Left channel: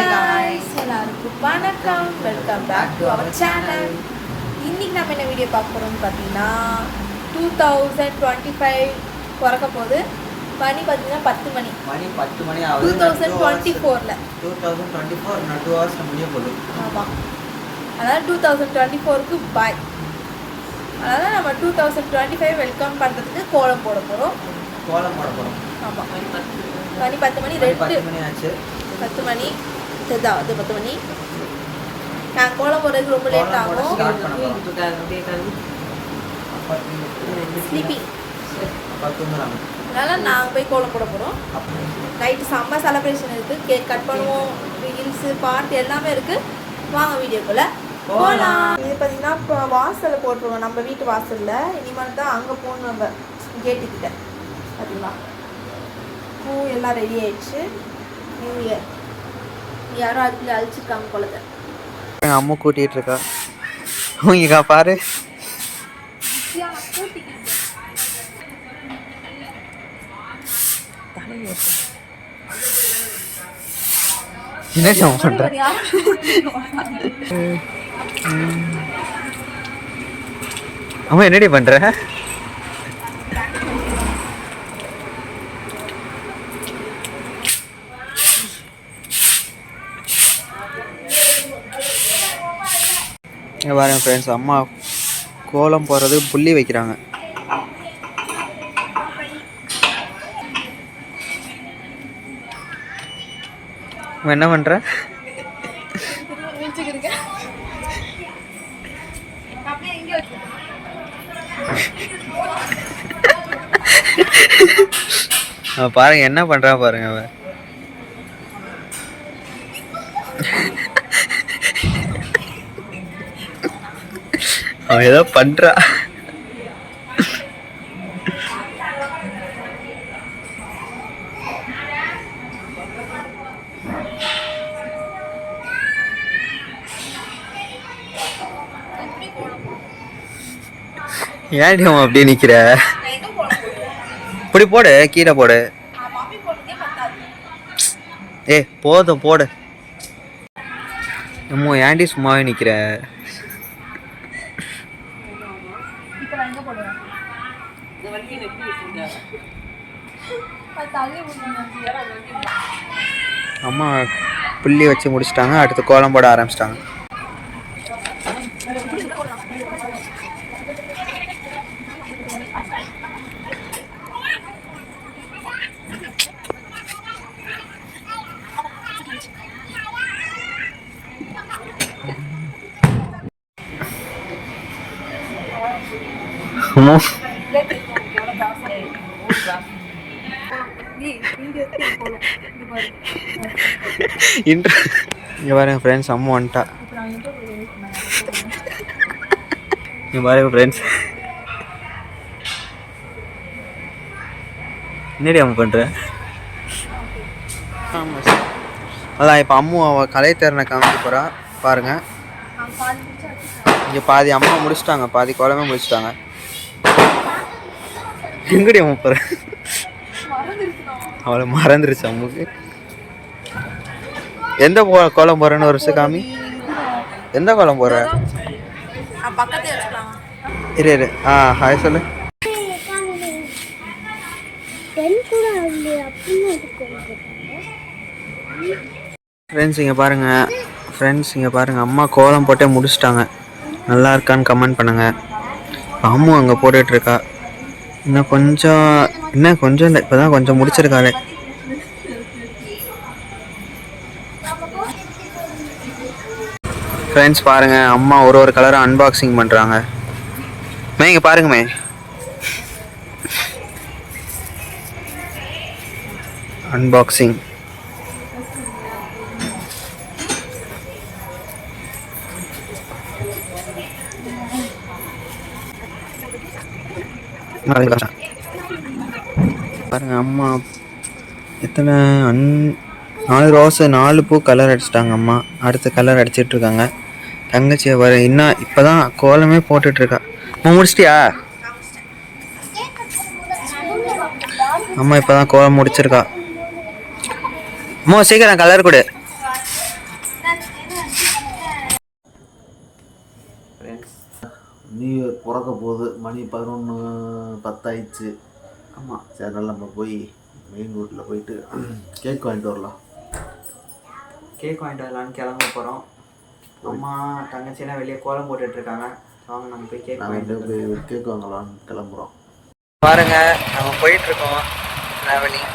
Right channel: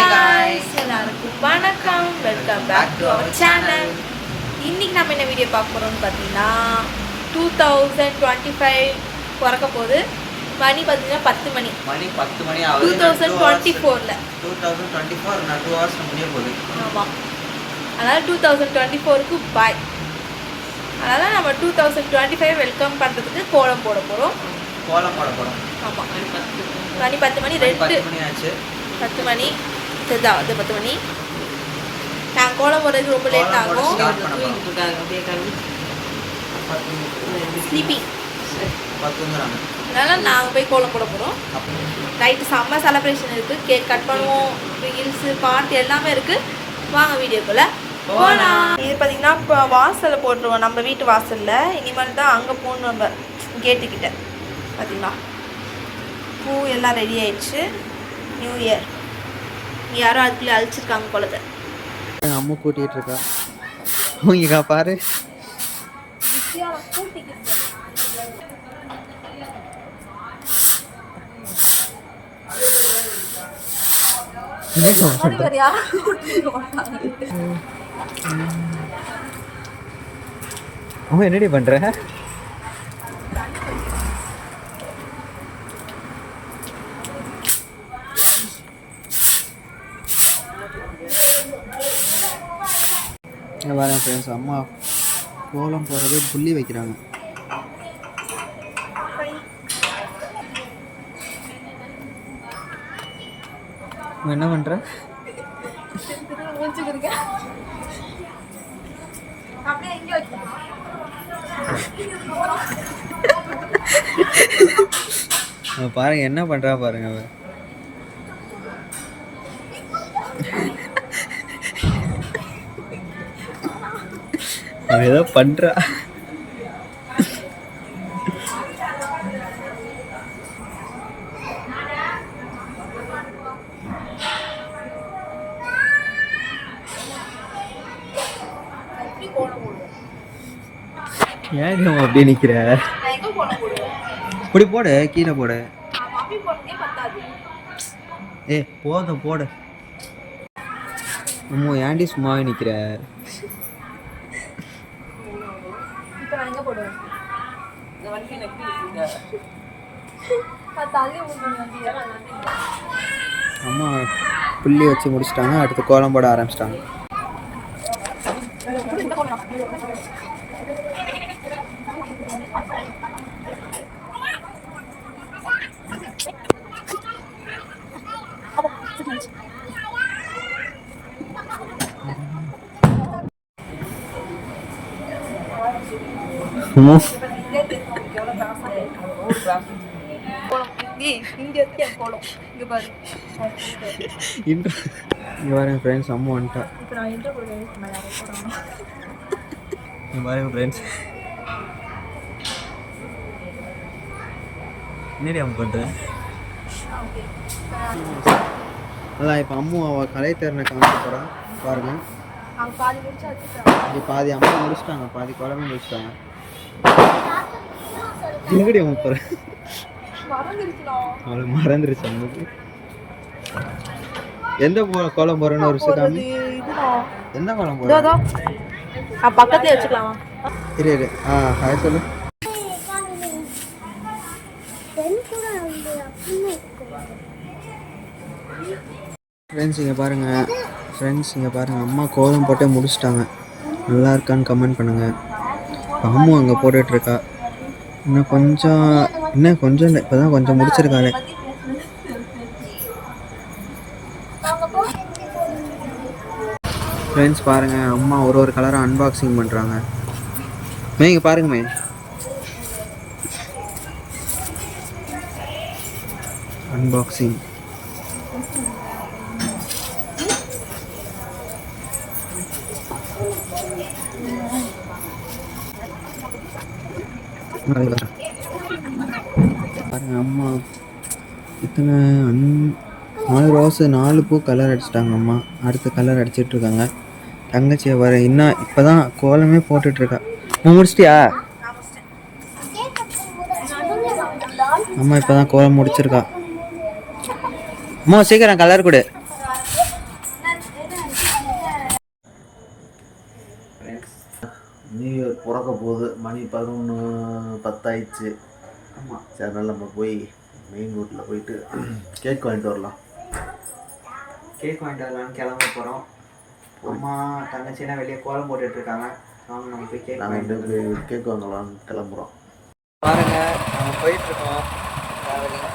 எல்லாருக்கும் வணக்கம், welcome back to our channel. இன்னைக்கு நம்ம என்ன வீடியோ பார்க்க போகிறோம்னு பார்த்தீங்கன்னா 2025 பிறக்க போகுது. மணி பார்த்தீங்கன்னா 10 மணி 2024 2 hours முடிய போகுது. ஆமாம், அதாவது 2024க்கு பாய். அதனால் நம்ம 2025 வெல்கம் பண்ணுறதுக்கு கோலம் போட போகிறோம். ஆமாம், மணி 10 மணி 10 மணி இதுதான், அது 10 மணி. நான் கோலம் போடுறதுக்கு ரொம்ப லேட் ஆகும். ஸ்லீப்பிங், அதனால் நாங்கள் போய் கோலம் போட போகிறோம். நைட்டு செம்ம செலப்ரேஷன் இருக்குது. கேக் கட் பண்ணுவோம், ரீல்ஸு, பாட்டு எல்லாமே இருக்குது. வாங்க வீடியோக்குள்ளே போகலாம். இது பார்த்திங்கன்னா இப்போ வாசலில் போட்டுருவோம், நம்ம வீட்டு வாசலில். இனிமேல் தான் அங்கே போகணும், நம்ம கேட்டுக்கிட்ட. பார்த்திங்களா, பூ எல்லாம் ரெடி ஆயிடுச்சு. நியூ இயர் யாரும் அதுக்குள்ளே அழிச்சிருக்காங்க குளத்தை. எங்கள் அம்மா கூட்டிகிட்டு இருக்கா. இங்கக்கா பாரு, என்ன பண்ற? அம்மா என்னடி பண்ற? பாருங்க ஃப்ரெண்ட்ஸ், அம்மா கோலம் போடுறது புள்ளி வைக்கிறாங்க. என்ன பண்ற? பாருங்க என்ன பண்றா பாருங்க அவ. அவன் ஏதோ பண்றா. ஏன்டி அவன் அப்படியே நிக்கிற? இப்படி போடு, கீழே போடு. ஏ போதும் போடு. அம்மா ஏன்டி சும்மாவே நிக்கிற? அம்மா புள்ளி வச்சு முடிச்சிட்டாங்க, அடுத்து கோலம் போட ஆரம்பிச்சிட்டாங்க. இங்கே பாருங்க ஃப்ரெண்ட்ஸ், அம்மா வந்துட்டா. இங்கே பாருங்க ஃப்ரெண்ட்ஸ், என்னடி அம்மா பண்ணுற? அதான் இப்போ அம்மு அவள் கலைத்திறனை காமிக்க போகிறா பாருங்க. இங்கே பாதி அம்மா முடிச்சிட்டாங்க, பாதி கோலமே முடிச்சிட்டாங்க. எங்கடி அம்மா போகிற? அவளை மறந்துருச்சு அம்முக்கு. எந்த கோலம் போறேன்னு ஒரு வருஷம் காமி. எந்த கோலம் போற? பக்கத்துல வச்சுக்கலாம். இரு ஹாய் சொல்லு. ஃப்ரெண்ட்ஸ் இங்கே பாருங்க, அம்மா கோலம் போட்டே முடிச்சிட்டாங்க. நல்லா இருக்கான்னு கமெண்ட் பண்ணுங்க. அம்மு அங்கே போட்டுட்ருக்கா. இன்னும் கொஞ்சம் இல்லை, இப்போ தான் கொஞ்சம் முடிச்சிருக்காளே. ஃப்ரெண்ட்ஸ் பாருங்கள், அம்மா ஒரு கலரை அன்பாக்சிங் பண்ணுறாங்க. இங்கே பாருங்கம்மே, அன்பாக்சிங். பாருங்க அம்மா எத்தனை 4 ரோஸு 4 பூ கலர் அடிச்சிட்டாங்க அம்மா. அடுத்த கலர் அடிச்சிட்டு இருக்காங்க. தங்கச்சியை வர இன்னும் இப்போதான் கோலமே போட்டுட்ருக்கா. முடிச்சிட்டியா? அம்மா இப்போ தான் கோலம் முடிச்சிருக்கா. அம்மா சீக்கிரம் கலர் கொடு. பிறக்க போகுது. மணி 11:10 ஆயிடுச்சு. ஆமாம், சரி, அதனால் நம்ம போய் மெயின் ரோட்டில் போயிட்டு கேக் வாங்கிட்டு வரலாம். கேக் வாங்கிட்டு வரலான்னு கிளம்ப போகிறோம். அம்மா தங்கச்சினா வெளியே கோலம் போட்டுட்ருக்காங்க. வாங்க நம்ம போய் கேக் வாங்கிட்டு நாங்கள் போய் கேக் வாங்கலாம்னு கிளம்புறோம். பாருங்க, நம்ம போயிட்டுருக்கோம் ட்ராவலிங்.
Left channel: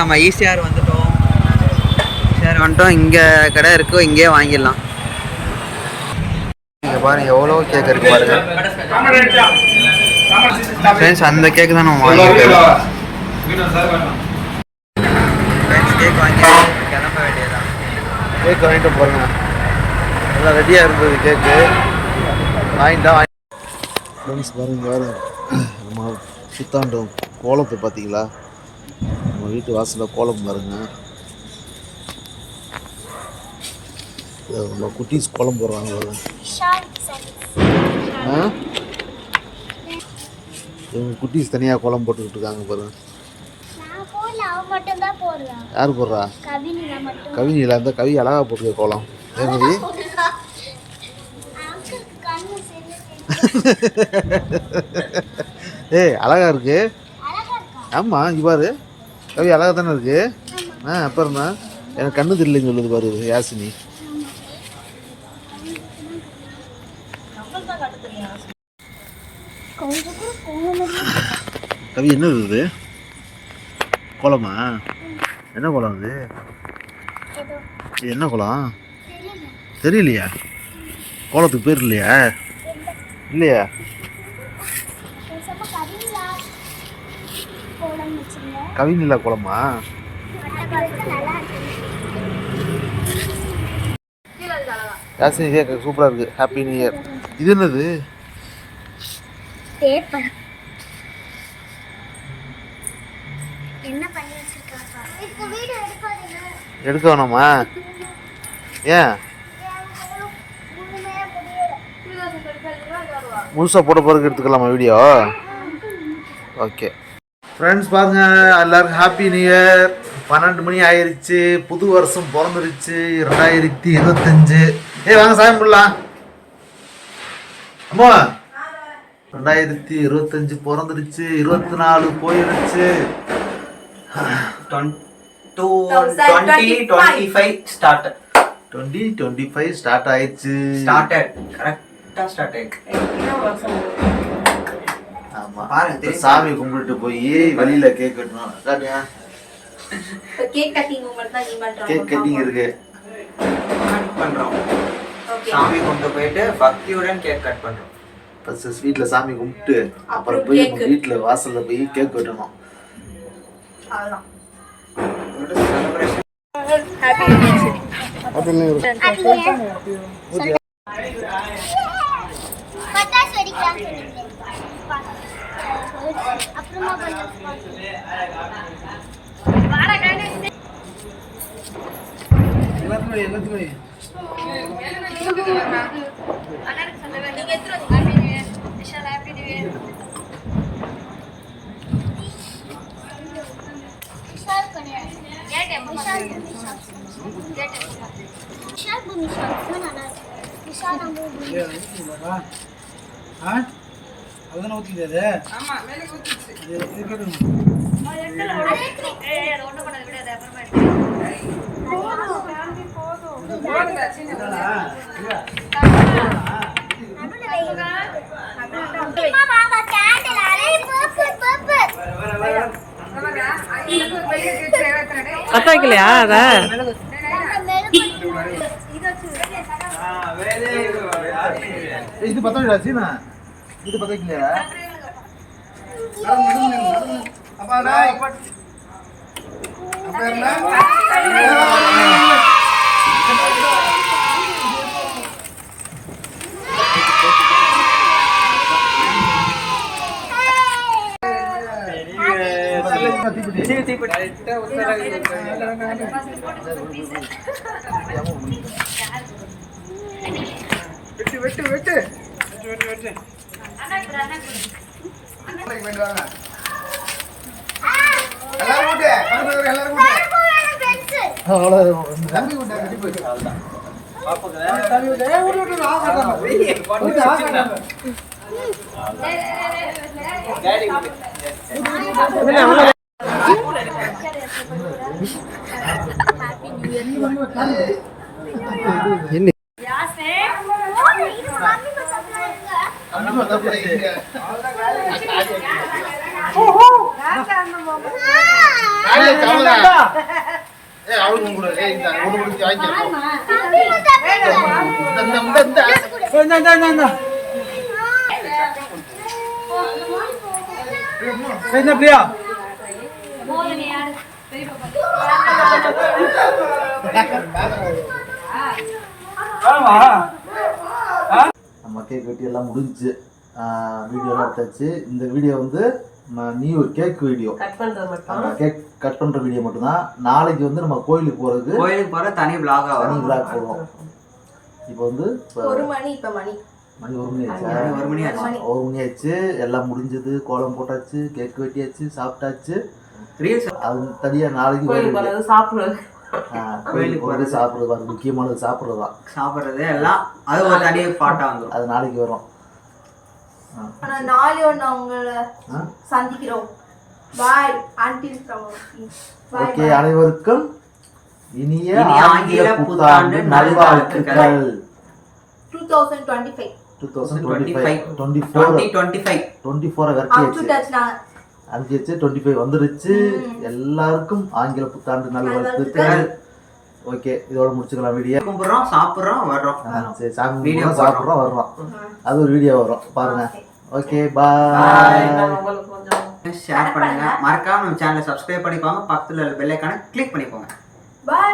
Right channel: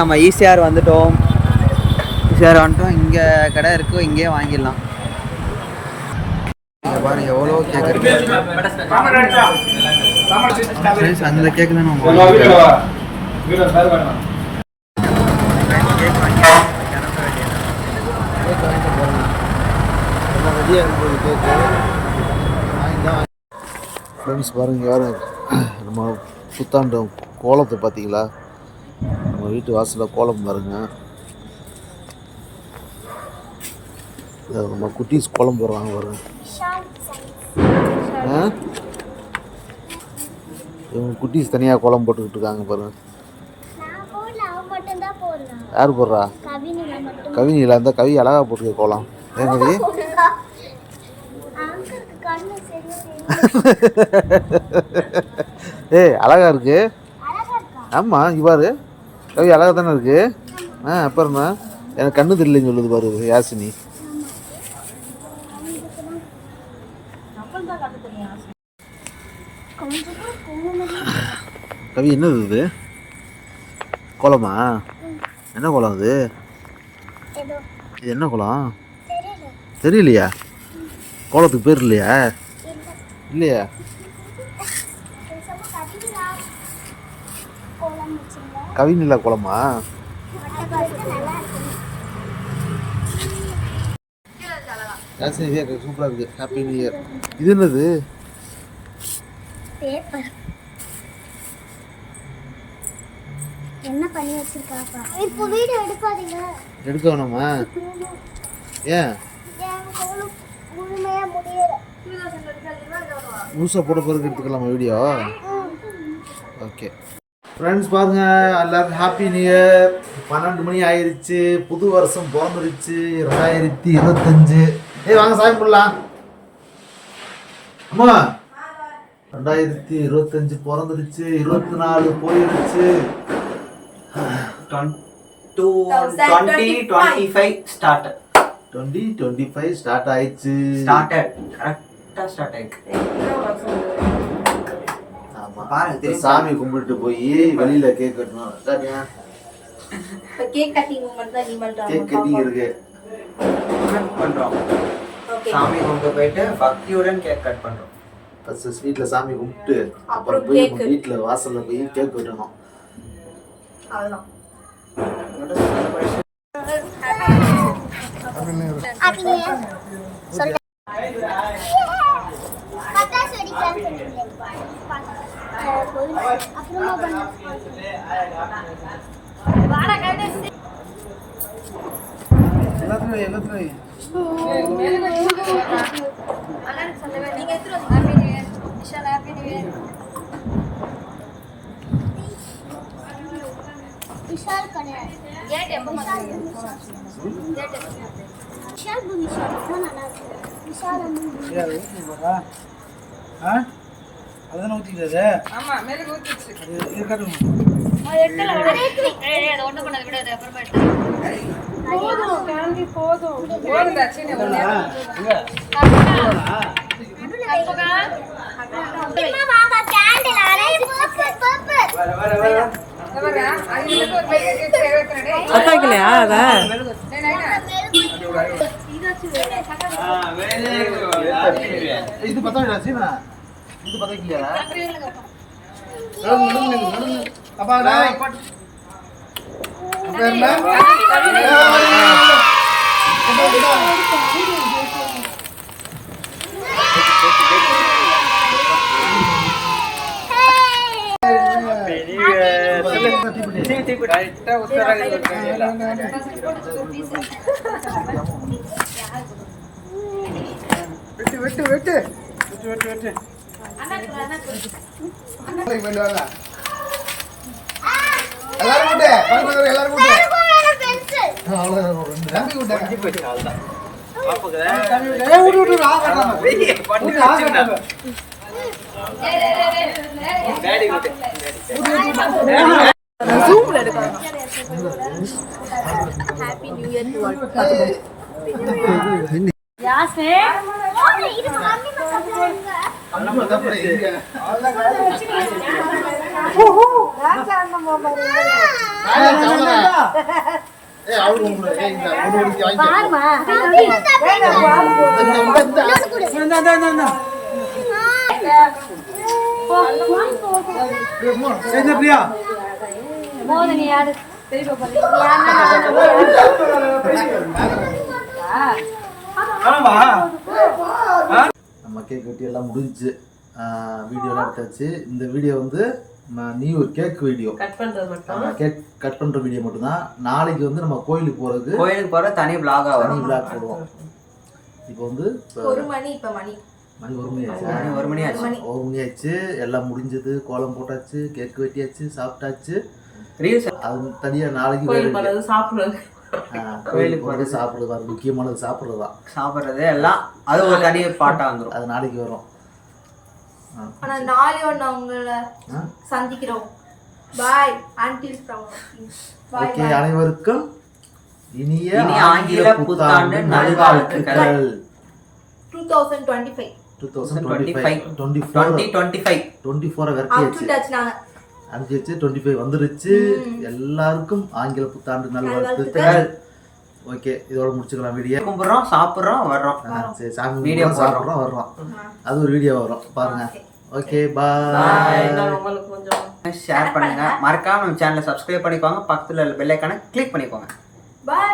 நம்ம ஈசிஆர் வந்துட்டோம். ஈசிஆர் வந்துட்டோம். இங்கே கடை இருக்குது, இங்கேயே வாங்கிடலாம். இங்கே பாருங்கள் எவ்வளோ கேக் இருக்குது பாருங்கள் ஃப்ரெண்ட்ஸ். அந்த கேக்கு தான் நம்ம வாங்கிட்டோம். கேக் வாங்கி கிளம்ப வேண்டியதான். கேக் வாங்கிட்டு போகிறேங்க. எல்லாம் ரெடியாக இருந்தது கேக்கு. வாங்கிட்டா ஃப்ரெண்ட்ஸ் பாருங்க. வேறு நம்ம புத்தாண்டு கோலத்தை பார்த்தீங்களா? நம்ம வீட்டு வாசலில் கோலம் பாருங்க. நம்ம குட்டீஸ் கோலம் போடுறாங்க பாருங்க. இவங்க குட்டீஸ் தனியாக கோலம் போட்டுக்கிட்டு இருக்காங்க பாருங்க. யார் போடுறா? கவினியில் அந்த கவி அழகா போட்டுக்க கோலம். ஏன் கவி? ஏய் அழகா இருக்கு. ஆமாம், இவ்வாறு கவி அழகா தானே இருக்கு. அப்புறம் தான் எனக்கு கண்ணு தெரியலன்னு சொல்லுது பாரு யாசினி. கவி என்ன இருக்குது? கோலமா? என்ன கோலம் அது? இது என்ன கோலம் தெரியலையா? கோலத்துக்கு பேர் இல்லையா? இல்லையா? கவினிலா கோலமா? யாசினி கேட்க சூப்பராக இருக்குது. Happy new year. இது என்னது? என்ன பண்ணி வச்சிருக்காங்க? இப்போ வீடியோ எடுக்காதீங்க. எடுக்க வேணாமா? ஏன்? முழுசாக போட பிறகு எடுத்துக்கலாமா வீடியோ? ஓகே ஃப்ரெண்ட்ஸ், பாருங்க எல்லாருக்கும் ஹாப்பி நியூ இயர். 12 மணி ஆயிடுச்சு. புது வருஷம் பிறந்துருச்சு 2025. வாங்க சாமி கும்பிடலாம். அம்மா 2025 பிறந்துருச்சு. 24 போயிடுச்சு. 2025 ஸ்டார்டட். 2025 ஸ்டார்ட் ஆயிடுச்சு. கரெக்டாக ஸ்டார்ட் ஆயிடுச்சு. பாருங்க, சாமி கும்பிட்டு போய் வெளியில கேக் கட்டணும். கேக் கட்டிங் மூமெண்ட் தான் நீ பண்றோம். கேக் கட்டிங் இருக்கு பண்றோம். சாமி கும்பிட்டு போயிட்டு பக்தியுடன் கேக் கட் பண்றோம். ஃபர்ஸ்ட் ஸ்வீட்ல சாமி கும்பிட்டு அப்புறம் போய் வீட்டுல வாசல்ல போய் கேக் வெட்டணும். அவ்வளவுதான். பட்டாசு வெடிக்கலாம் சொல்லுங்க. அப்புறமா பண்ணலாம். வாடா கைடு. எல்லாத்துலயும் நீங்க எத்தனை Vishal happy new year. Vishal கிடையாது. டேட் எப்ப மாத்துறீங்க? விஷால் பூமி ஷாட் தான் நல்லா இருக்கு. விஷால் மூவி ಅದನ್ನ ಓದಿದೆ. ಆಮಾ ಮೇಲೆ ಓದಿಸಿ ಅದು ಇರಕದು அது ஒண்ணு பண்ணது விடாத அப்புறமா காந்தி போடு அம்மா வாங்க கேண்டில் அரே பர்பல் ಅತ್ತಾಗಿಲ್ಲ ಅದ ಇದು ಪತ್ತಾಗಿಲ್ಲ ಸೀಮಾ ಇದು ಪತ್ತಾಗಿಲ್ಲ ಅಪ್ಪ happy new year to all. என்ன பிரியா நம்ம கேக் வெட்டி எல்லாம் முடிஞ்சுச்சு. வீடியோலாம் எடுத்தாச்சு. இந்த வீடியோ வந்து new cake video, cake cut பண்ணுற வீடியோ மட்டும்தான். நாளைக்கு வந்து நம்ம கோயிலுக்கு போகிற தனி vlog போடுவோம். இப்போ வந்து மணி 1 மணி ஆச்சு. எல்லாம் முடிஞ்சது, கோலம் போட்டாச்சு, கேக் வெட்டியாச்சு, சாப்பிட்டாச்சு. அது தனியாக நாளைக்கு கோயிலுக்கு போகிறது சாப்பிட்றது முக்கியமானது சாப்பிட்றது எல்லாம் அது ஒரு தனி பாட்டாக வந்துடும். அது நாளைக்கு வரும். சந்திக்கிறோம். பாய். ஓகே, அனைவருக்கும் இனிய ஆங்கில புத்தாண்டு நல்வாழ்த்துக்கள். 2025 அஞ்சிச்சு 25 வந்துருச்சு. எல்லாருக்கும் ஆங்கில புத்தாண்டு நல்வாழ்த்துக்கள். ஓகே, இதோட முடிச்சுக்கலாம். வீடியோ கும்பிட்றோம், சாப்பிட்றோம், வர்றோம். சரி, சாமி கும்பிட்றோம், சாப்பிட்றோம், வர்றோம். அது ஒரு வீடியோ வரும், பாருங்க. ஓகே, பாய். ஷேர் பண்ணுங்க, மறக்காம நம்ம சேனலை சப்ஸ்கிரைப் பண்ணிக்கோங்க. பக்கத்துல பெல் ஐகானை கிளிக் பண்ணிக்கோங்க. பாய்.